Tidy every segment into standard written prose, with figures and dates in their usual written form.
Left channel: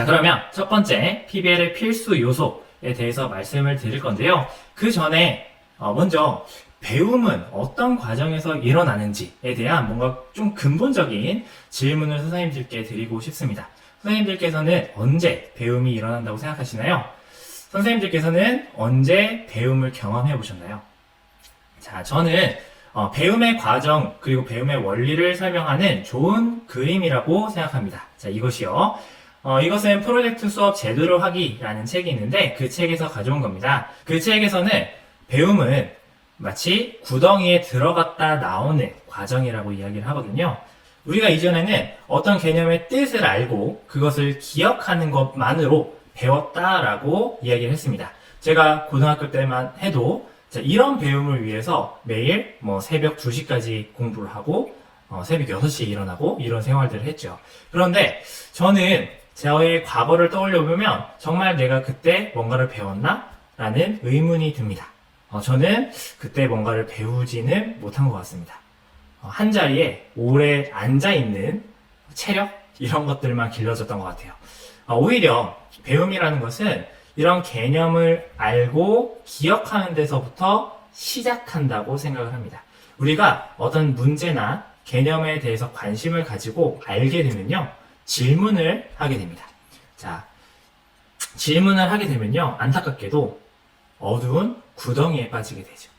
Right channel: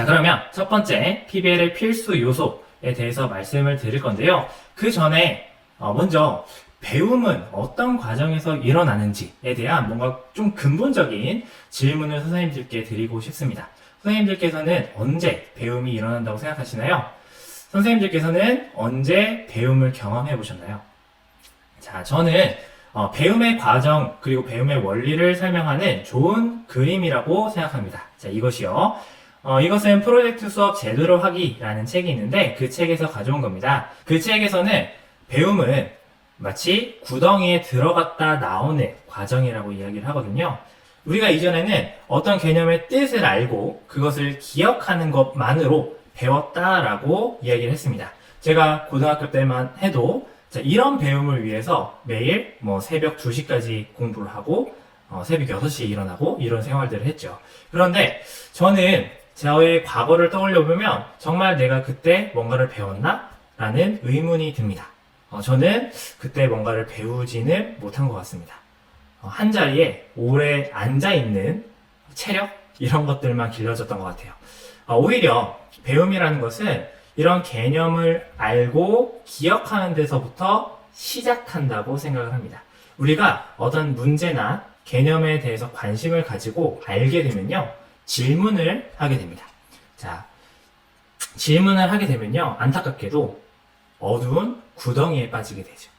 자, 그러면 첫 번째 PBL의 필수 요소에 대해서 말씀을 드릴 건데요. 그 전에 먼저 배움은 어떤 과정에서 일어나는지에 대한 뭔가 좀 근본적인 질문을 선생님들께 드리고 싶습니다. 선생님들께서는 언제 배움이 일어난다고 생각하시나요? 선생님들께서는 언제 배움을 경험해 보셨나요? 자, 저는 배움의 과정 그리고 배움의 원리를 설명하는 좋은 그림이라고 생각합니다. 자, 이것이요. 이것은 프로젝트 수업 제대로 하기라는 책이 있는데 그 책에서 가져온 겁니다. 그 책에서는 배움은 마치 구덩이에 들어갔다 나오는 과정이라고 이야기를 하거든요. 우리가 이전에는 어떤 개념의 뜻을 알고 그것을 기억하는 것만으로 배웠다라고 이야기를 했습니다. 제가 고등학교 때만 해도 이런 배움을 위해서 매일 새벽 2시까지 공부를 하고 새벽 6시에 일어나고 이런 생활들을 했죠. 그런데 저는 저의 과거를 떠올려 보면 정말 내가 그때 뭔가를 배웠나? 라는 의문이 듭니다. 저는 그때 뭔가를 배우지는 못한 것 같습니다. 한 자리에 오래 앉아있는 체력? 이런 것들만 길러졌던 것 같아요. 오히려 배움이라는 것은 이런 개념을 알고 기억하는 데서부터 시작한다고 생각을 합니다. 우리가 어떤 문제나 개념에 대해서 관심을 가지고 알게 되면요, 질문을 하게 됩니다. 자, 질문을 하게 되면요, 안타깝게도 어두운 구덩이에 빠지게 되죠.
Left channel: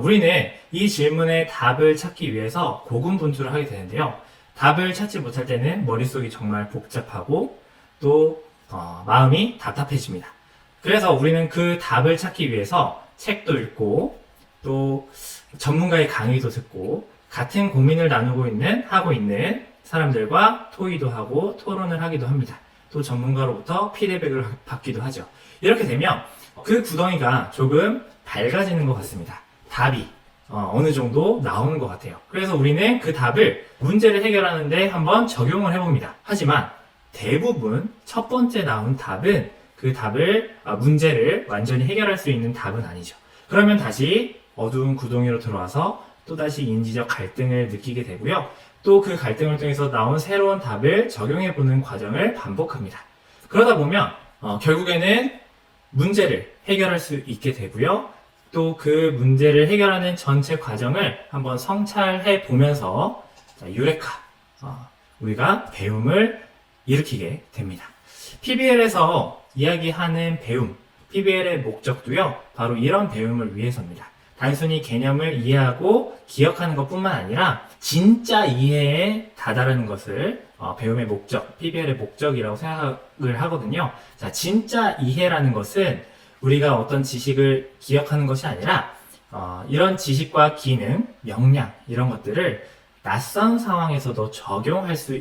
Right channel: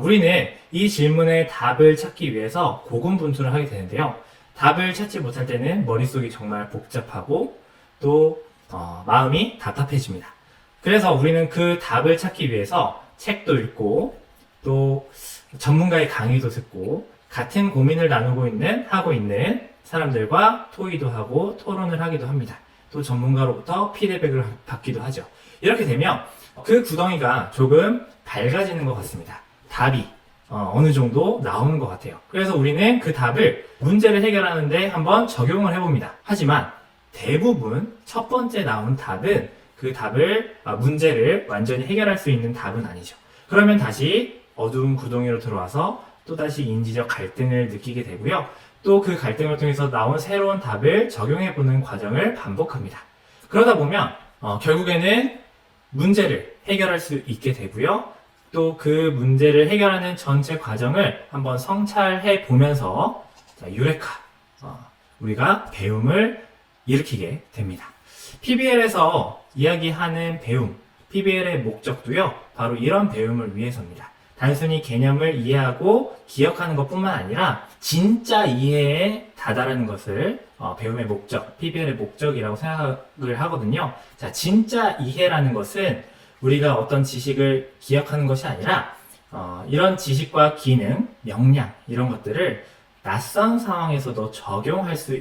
우리는 이 질문에 답을 찾기 위해서 고군분투를 하게 되는데요. 답을 찾지 못할 때는 머릿속이 정말 복잡하고 또 마음이 답답해집니다. 그래서 우리는 그 답을 찾기 위해서 책도 읽고 또 전문가의 강의도 듣고 같은 고민을 하고 있는 사람들과 토의도 하고 토론을 하기도 합니다. 또 전문가로부터 피드백을 받기도 하죠. 이렇게 되면 그 구덩이가 조금 밝아지는 것 같습니다. 답이 어느 정도 나오는 것 같아요. 그래서 우리는 그 답을 문제를 해결하는데 한번 적용을 해봅니다. 하지만 대부분 첫 번째 나온 답은 그 문제를 완전히 해결할 수 있는 답은 아니죠. 그러면 다시 어두운 구덩이로 들어와서 또다시 인지적 갈등을 느끼게 되고요. 또 그 갈등을 통해서 나온 새로운 답을 적용해보는 과정을 반복합니다. 그러다 보면 결국에는 문제를 해결할 수 있게 되고요. 또 그 문제를 해결하는 전체 과정을 한번 성찰해 보면서 유레카, 우리가 배움을 일으키게 됩니다. PBL에서 이야기하는 배움, PBL의 목적도요, 바로 이런 배움을 위해서입니다. 단순히 개념을 이해하고 기억하는 것뿐만 아니라 진짜 이해에 다다르는 것을 배움의 목적, PBL의 목적이라고 생각을 하거든요. 자, 진짜 이해라는 것은 우리가 어떤 지식을 기억하는 것이 아니라 이런 지식과 기능, 역량 이런 것들을 낯선 상황에서도 적용할 수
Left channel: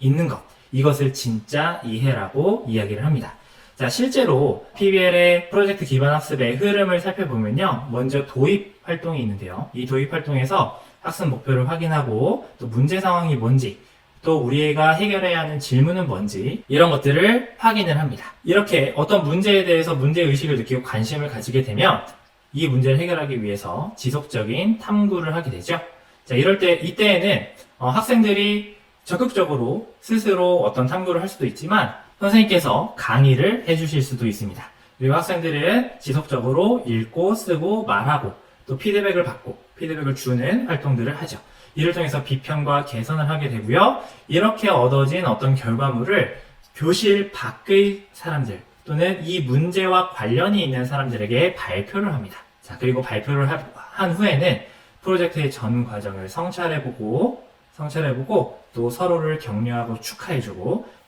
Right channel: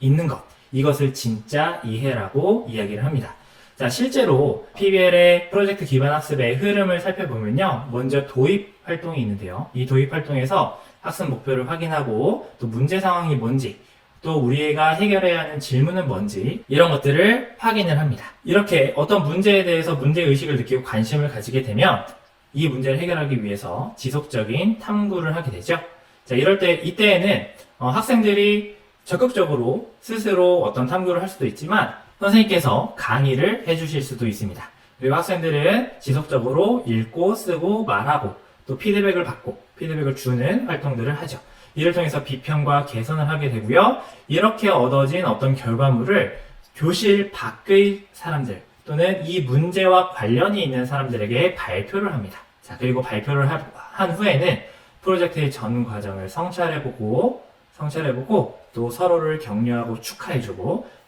있는 것, 이것을 진짜 이해라고 이야기를 합니다. 자, 실제로 PBL의 프로젝트 기반 학습의 흐름을 살펴보면요, 먼저 도입 활동이 있는데요. 이 도입 활동에서 학습 목표를 확인하고 또 문제 상황이 뭔지, 또 우리가 해결해야 하는 질문은 뭔지 이런 것들을 확인을 합니다. 이렇게 어떤 문제에 대해서 문제의식을 느끼고 관심을 가지게 되면 이 문제를 해결하기 위해서 지속적인 탐구를 하게 되죠. 자, 이때에는 학생들이 적극적으로 스스로 어떤 탐구를 할 수도 있지만 선생님께서 강의를 해주실 수도 있습니다. 그리고 학생들은 지속적으로 읽고 쓰고 말하고 또 피드백을 받고 피드백을 주는 활동들을 하죠. 이를 통해서 비평과 개선을 하게 되고요. 이렇게 얻어진 어떤 결과물을 교실 밖의 사람들 또는 이 문제와 관련이 있는 사람들에게 발표를 합니다. 자, 그리고 발표를 한 후에는 프로젝트의 전 과정을 성찰해보고 또 서로를 격려하고 축하해주고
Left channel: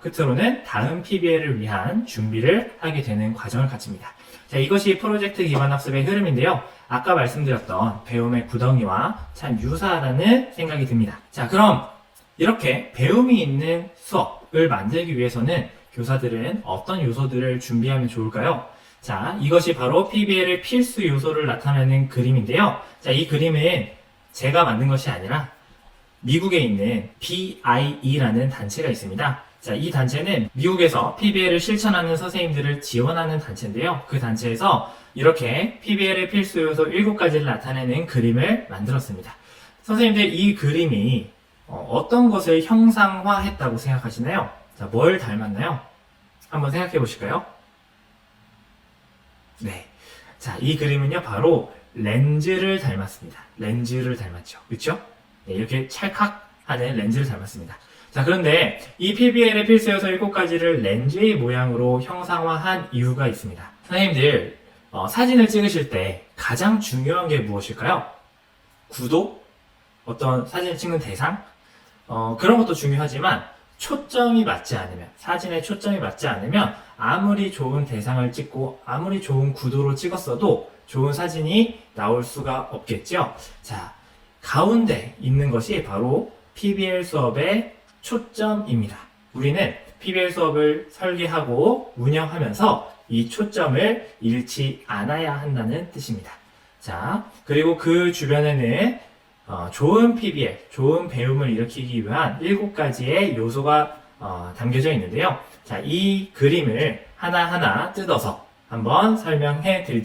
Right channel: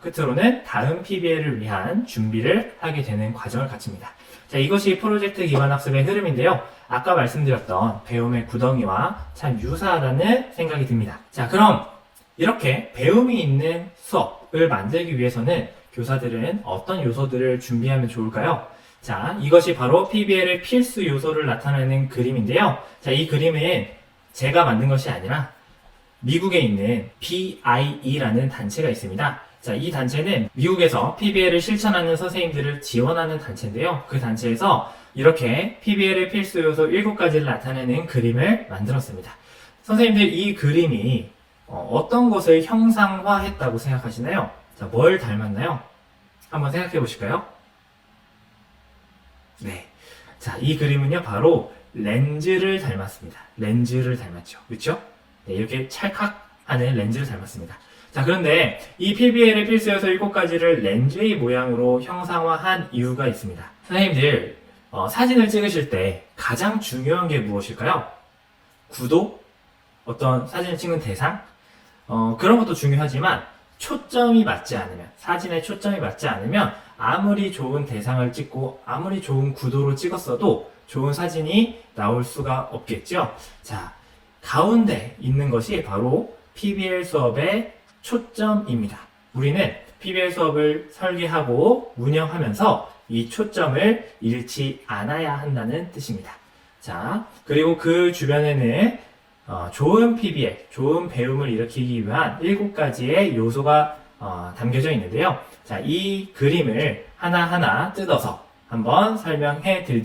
끝으로는 다음 PBL을 위한 준비를 하게 되는 과정을 갖춥니다. 자, 이것이 프로젝트 기반 학습의 흐름인데요. 아까 말씀드렸던 배움의 구덩이와 참 유사하다는 생각이 듭니다. 자, 그럼 이렇게 배움이 있는 수업을 만들기 위해서는 교사들은 어떤 요소들을 준비하면 좋을까요? 자, 이것이 바로 PBL의 필수 요소를 나타내는 그림인데요. 자, 이 그림은 제가 만든 것이 아니라 미국에 있는 BIE라는 단체가 있습니다. 자, 이 단체는 미국에서 PBL을 실천하는 선생님들을 지원하는 단체인데요. 그 단체에서 이렇게 PBL의 필수 요소 7가지를 나타내는 그림을 만들었습니다. 선생님들, 이 그림이 어떤 것을 형상화했다고 생각하시나요? 자, 뭘 닮았나요? 한번 생각해 보실까요? 네. 자, 이 그림은요, 바로 렌즈를 닮았습니다. 렌즈를 닮았죠. 그렇죠? 네, 이렇게 찰칵하는 렌즈를 닮았습니다. 자, 그런데 이 PBL의 필수 요소 7가지를 렌즈의 모양으로 형상화한 이유가 있습니다. 선생님들, 사진을 찍으실 때 가장 중요한 게 무엇일까요? 구도? 어떤 사진을 찍는 대상? 그런 것도 중요하지만 초점이 맞지 않으면, 사진에 초점이 맞지 않으면 아무리 좋은 대상을 찍고 아무리 좋은 구도로 찍었어도 좋은 사진이 나올 수가 없겠죠. 자, 가운데 있는 것이 바로 PBL 수업의 초점입니다. 우리는 PBL 수업을 설계하고 운영하면서 이 초점을 잃지 않아야 한다는 뜻입니다. 자, 그리고 그 주변에는 좋은 PBL, 좋은 배움을 일으키기 위한 7가지의 요소가 담겨져 있는데요. 자, 이 그림을 하나하나 뜯어서 한번 설명해 드리도록